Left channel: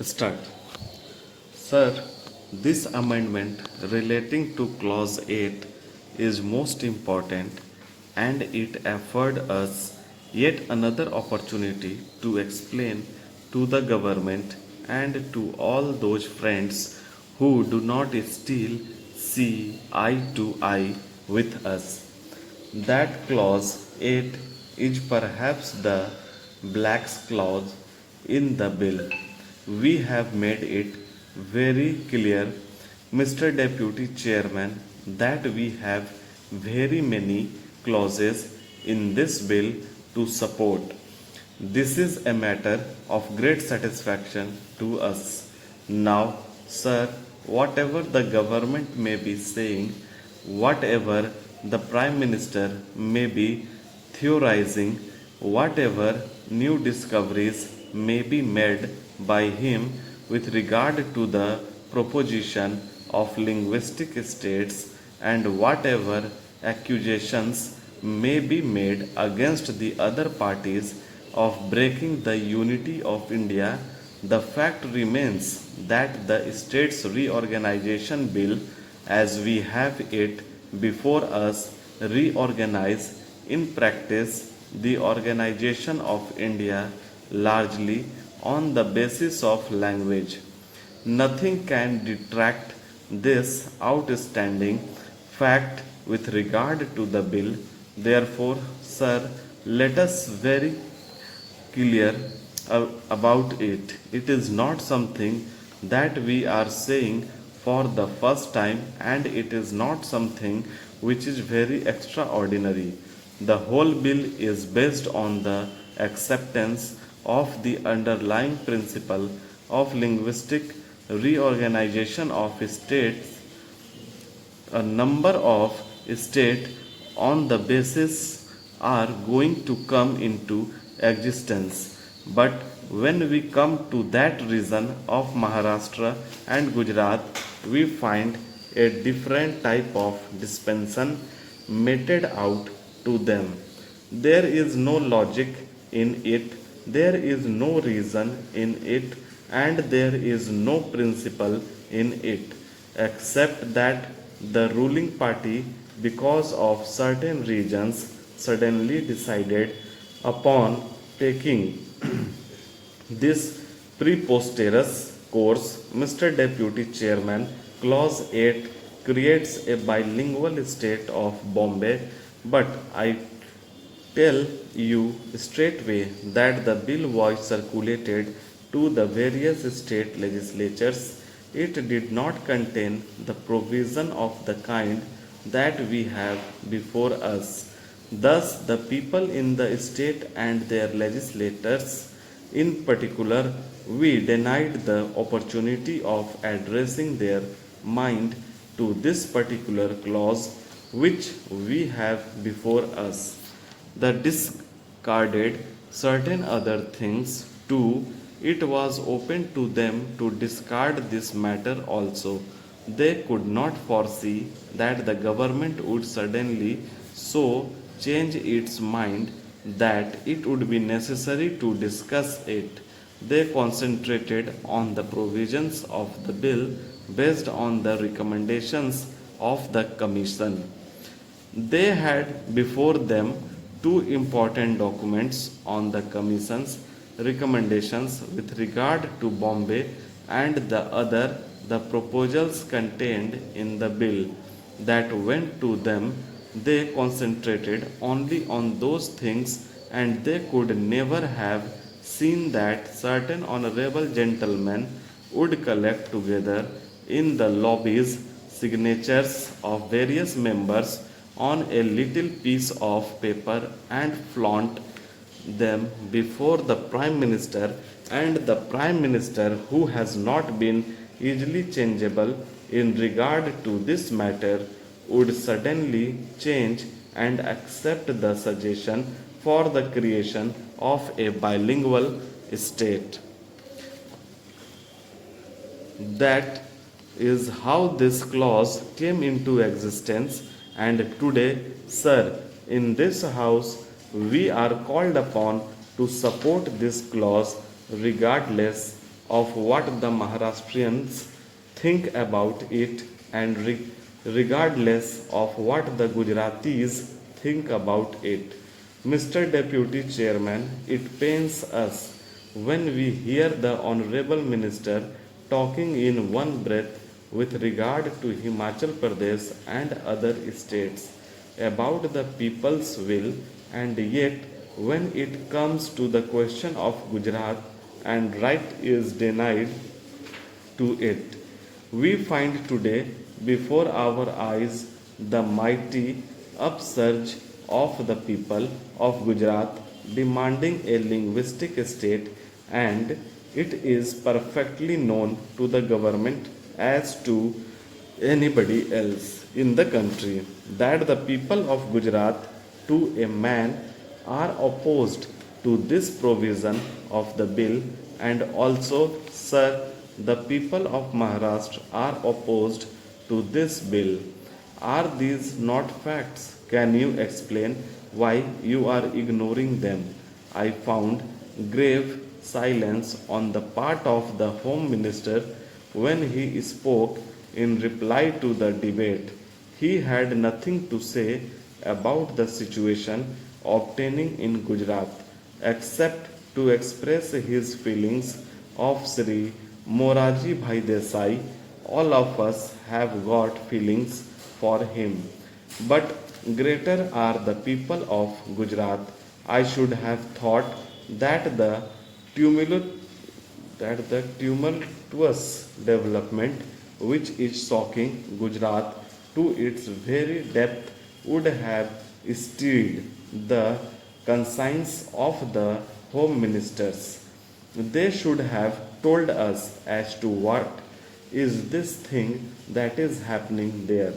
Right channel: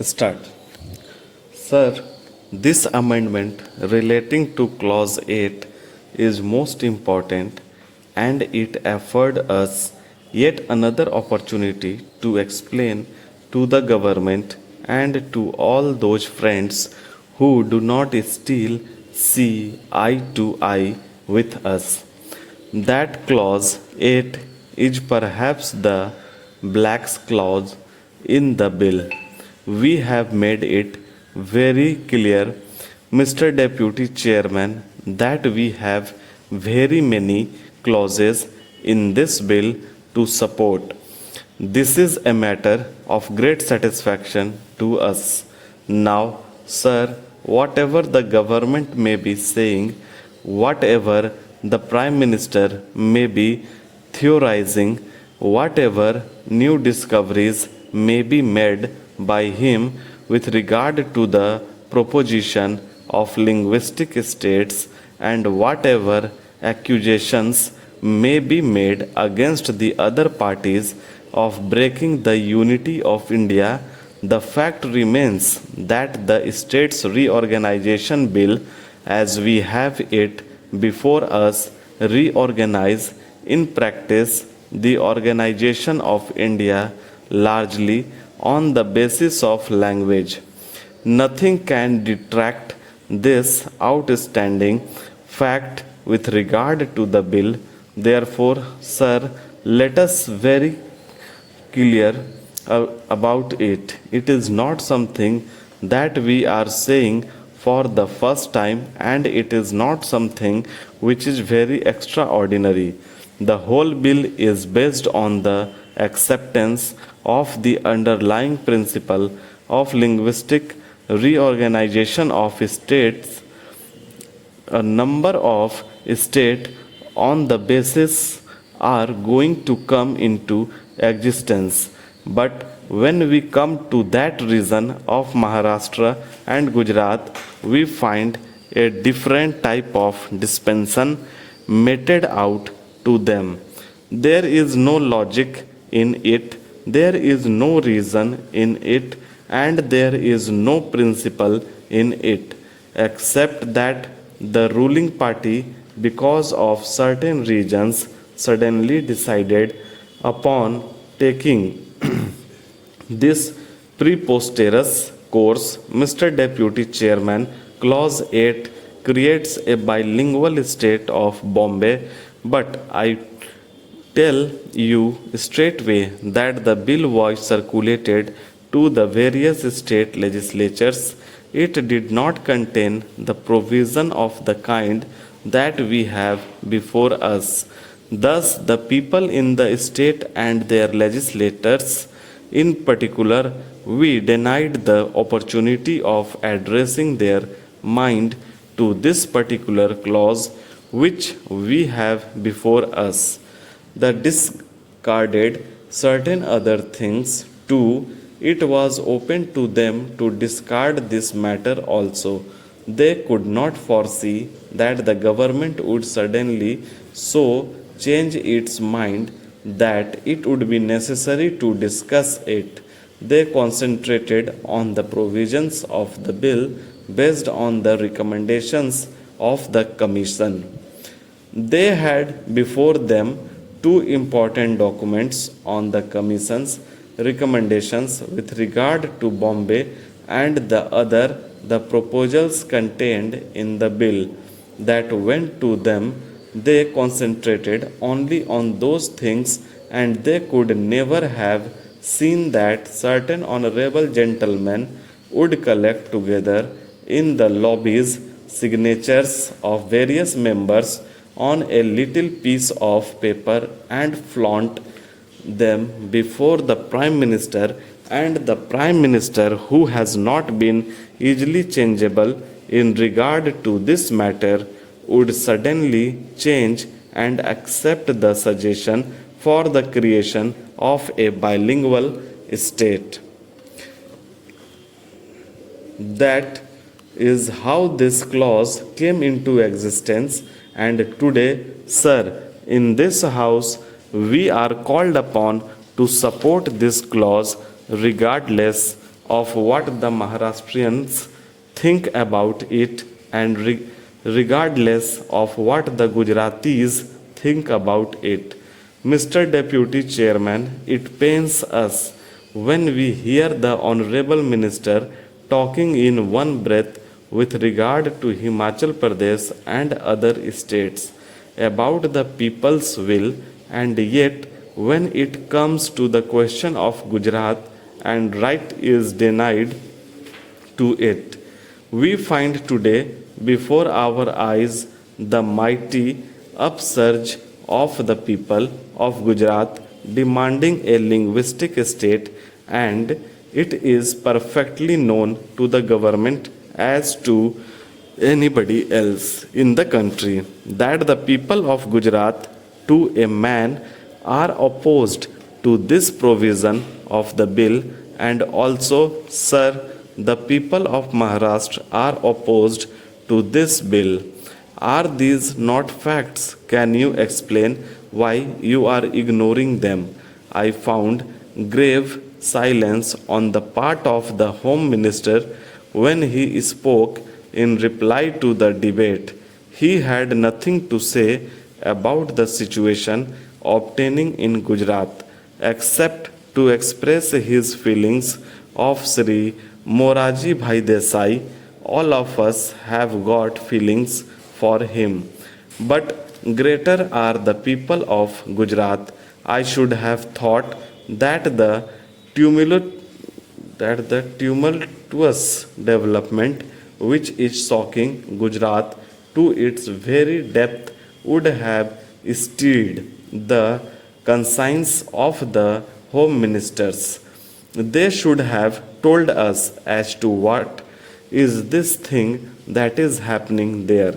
Start. Sir, this amendment relating to Clause 8 is most important and it afford us yet another opportunity to explain to the government and to all those friends who do not still see eye to eye with us that clause 8 is perhaps the black clause in the bill. We have made it very clear, Mr. Deputy Chairman, that we have very many clauses in this bill to support. This is a matter of great satisfaction to us. Now, sir, whatever the government may be saying, whatever the Prime Minister may be theorizing, whatever new discoveries may be made by him with regard to the proposition of linguistic states, and whatever accusations may be made against the other parties of breaking the unity of India, the fact remains that the States Reorganization Bill, as we have it before us, reorganize in practice the organization of India largely on the basis of language. Nothing can detract this outstanding fact with regard to the bill. Therefore, sir, let us very clear about it. It is not something that we are saying for the first time, and it is not something which is very extraordinary. The whole bill is based on the acceptance of the underlying principle of linguistic reorganization of states. A number of states on the basis are going to come into existence. But when we come to that region of Maharashtra and Gujarat, we find a different type of dispensation meted out to them. There is no logic in it, there is no reason in it, and there is no principle in it, except that the ruling party, because of certain reasons, suddenly decided upon taking this preposterous course. Mr. Deputy Chairman, Clause 8 creates a bilingual state of Bombay, but I tell you straightway that the bill was circulated to the various state legislatures. It did not contain the provision of the kind that we have before us. Thus, the people in the state and their legislators, in particular, we denied the opportunity of addressing their mind to this particular clause which we have before us. The discarded certain other things too. It was open to them to discard this matter also. They could not foresee that the government would suddenly so change its mind that it would be necessary to discuss it. They concentrated on the provisions of the bill based on the recommendations of the Commission. They had before them two important documents on the Commission's recommendations with regard to Bombay, and the other the proposals contained in the bill that went to them. They concentrated only on those things, and they could never have seen that certain honorable gentlemen would collect together in the lobbies signatures of various members on a little piece of paper and flaunt them before the Prime Minister, and the Prime Minister, who has not been easily changeable in regard to this matter, would suddenly change and accept the suggestion for the creation of a bilingual state. That is how this clause came into existence, and today, sir, in this house, we are called upon to support this clause regardless of what the Maharashtrians think about it, and regardless of what the Gujaratis think about it. Mr. Deputy Chairman, it pains us when we hear the Honorable Minister talking in one breath with regard to Himachal Pradesh and other states about the people's will, and yet when it comes to the question of Gujarat and right is denied to it. We find today before our eyes the mighty upsurge of the people of Gujarat demanding a linguistic state, and it is perfectly known to the government as to anybody else in the country that the people of Gujarat to a man are opposed to this provision of the bill, and also, sir, the people of Maharashtra are opposed to this bill. Are these not facts? Can you explain why you are ignoring them? I found grave silence on the part of the Home Minister when he spoke in reply to the debate. He had nothing to say about the situation obtaining in Gujarat except to express his feelings of Sri Moraji Bhai Desai. All of us have got feelings for him. But greater are the people of Gujarat. I should have thought that tumult, the tumultuous development which is shocking Gujarat to its very depth would have stirred the conscience of the home ministers. They should have told us as to what is this thing that is happening there.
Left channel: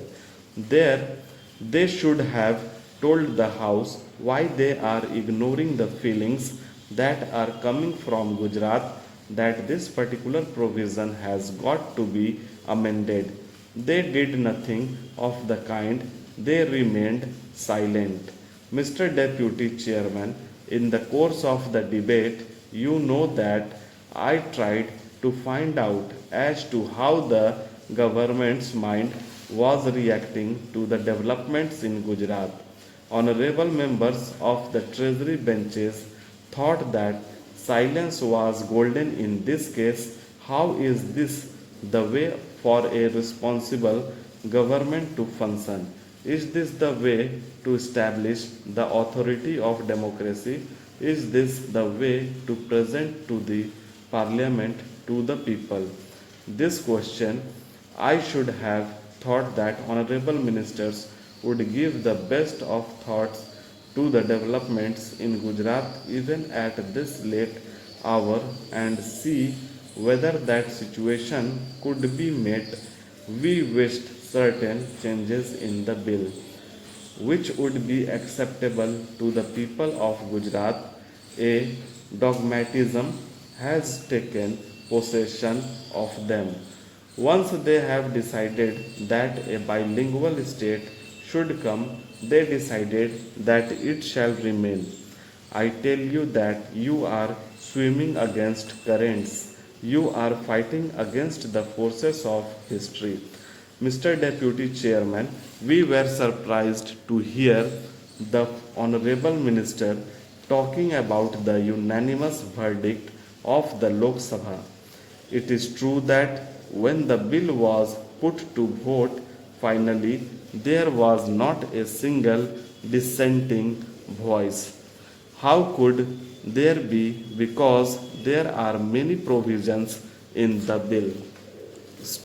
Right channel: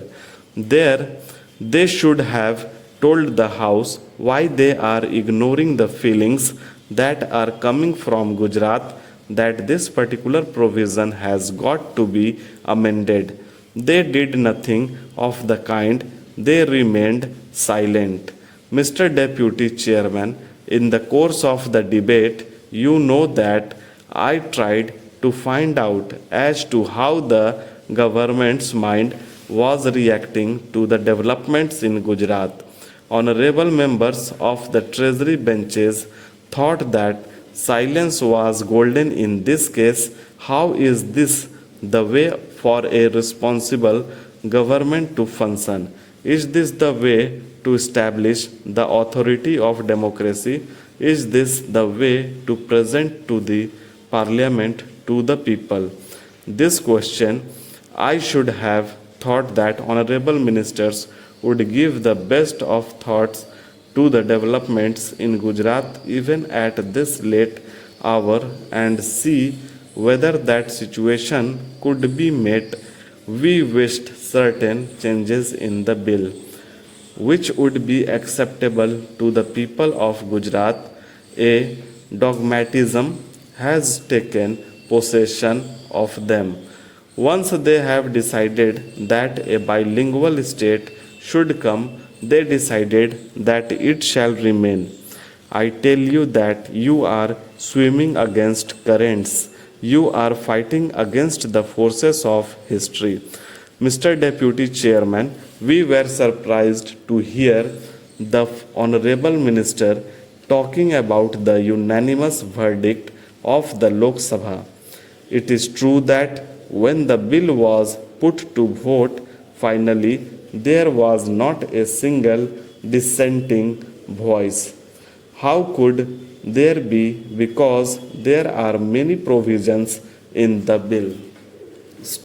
There, they should have told the House why they are ignoring the feelings that are coming from Gujarat that this particular provision has got to be amended. They did nothing of the kind, they remained silent. Mr. Deputy Chairman, in the course of the debate, you know that I tried to find out as to how the government's mind was reacting to the developments in Gujarat. Honorable members of the Treasury benches thought that silence was golden in this case. How is this the way for a responsible government to function? Is this the way to establish the authority of democracy? Is this the way to present to the parliament to the people? This question I should have thought that honorable ministers would give the best of thoughts to the developments in Gujarat even at this late hour and see whether that situation could be met. We wished certain changes in the bill which would be acceptable to the people of Gujarat. A dogmatism has taken possession of them. Once they have decided that a bilingual state should come, they decided that it shall remain. I tell you that you are swimming against currents. You are fighting against the forces of history. Mr. Deputy Chairman, we were surprised to hear the Honorable Minister talking about the unanimous verdict of the Lok Sabha. It is true that when the bill was put to vote, finally there was not a single dissenting voice. How could there be? Because there are many provisions in the bill.